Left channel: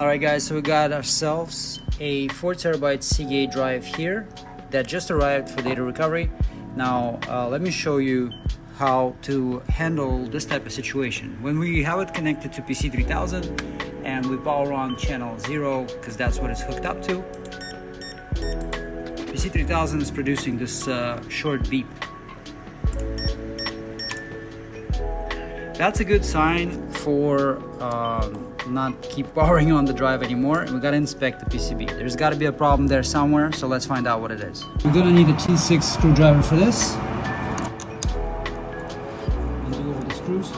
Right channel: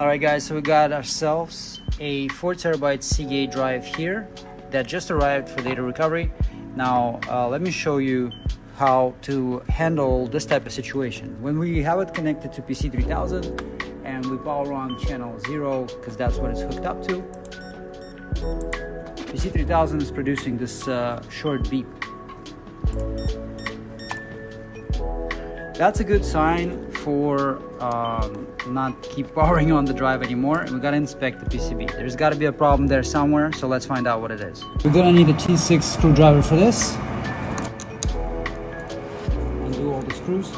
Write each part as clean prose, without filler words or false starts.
Alright guys, so we got ourselves a 4TB Seagate drive here that just arrived for data recovery. Now let me show you how to handle this type of situation. When we have it connected to PC3000 and we power on channel 0 because that's what it's hooked up to, PC3000 is producing this short beep. That's a good sign for not keep powering on the drive anymore. We gotta inspect the PCB. There's gotta be a problem there somewhere, so let's find out what it is. We're gonna need a T6 screwdriver for this. Undo all the screws.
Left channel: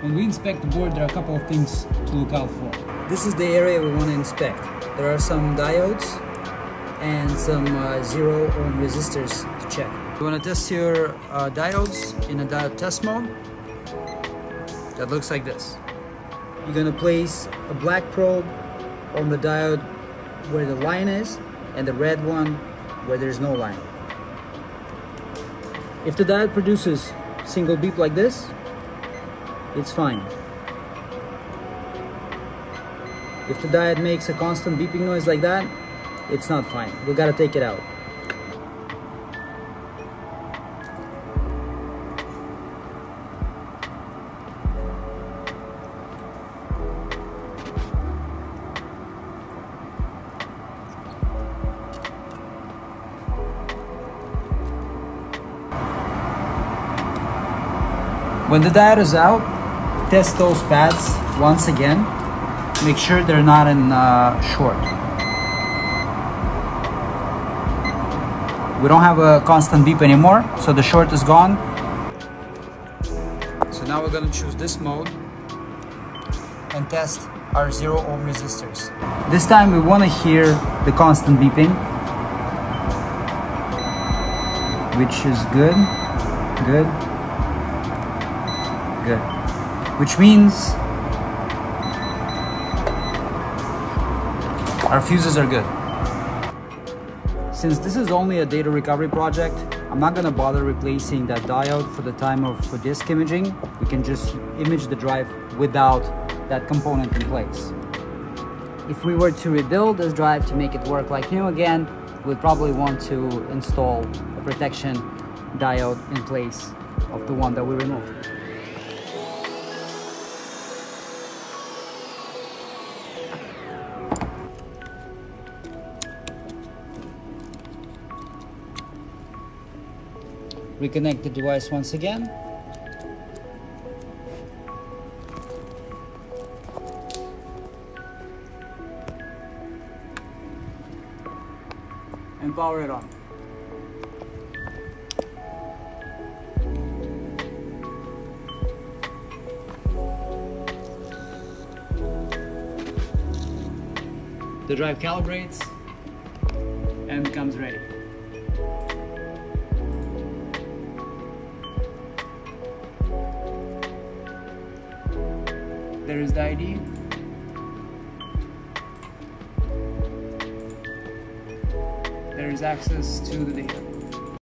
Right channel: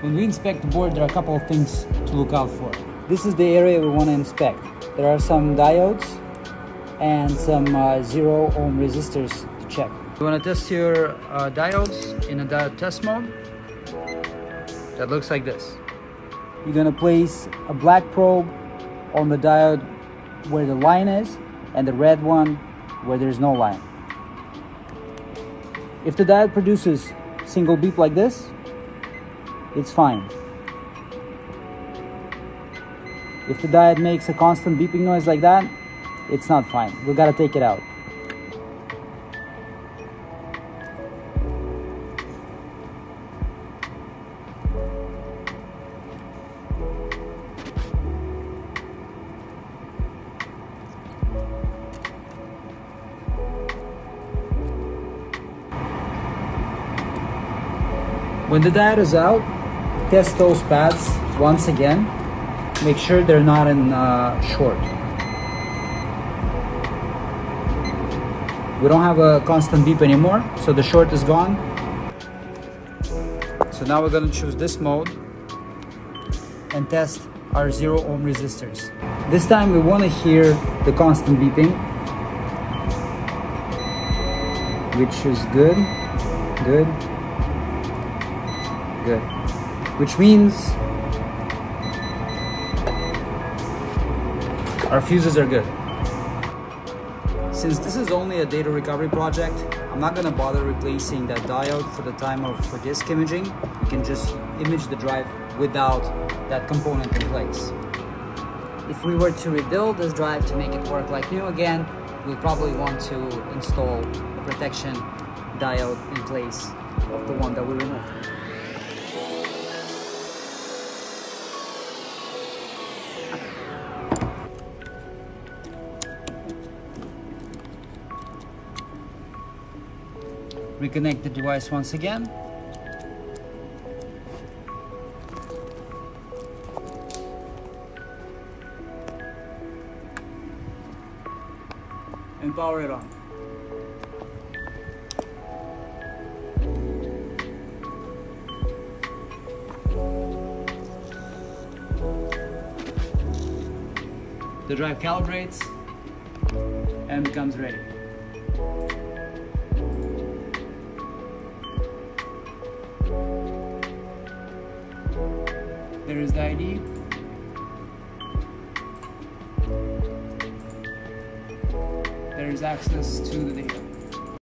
When we inspect the board, there are a couple of things to look out for. This is the area we want to inspect. There are some diodes and some 0 ohm resistors to check. You want to test your diodes in a diode test mode. That looks like this. You're going to place a black probe on the diode where the line is and the red one where there's no line. If the diode produces single beep like this, it's fine. If the diode makes a constant beeping noise like that, it's not fine. We gotta take it out. When the diode is out, test those pads once again. Make sure they're not in short. We don't have a constant beep anymore, so the short is gone. So now we're gonna choose this mode and test our 0 ohm resistors. This time we wanna hear the constant beeping, which is good, good, good. Which means our fuses are good. Since this is only a data recovery project, I'm not going to bother replacing that diode for the time of disk imaging. You can just image the drive without that component in place. If we were to rebuild this drive to make it work like new again, we'll probably want to install protection diode in place of the one that we removed. Reconnect the device once again. And power it on. The drive calibrates and becomes ready. There is the ID. There is access to the data.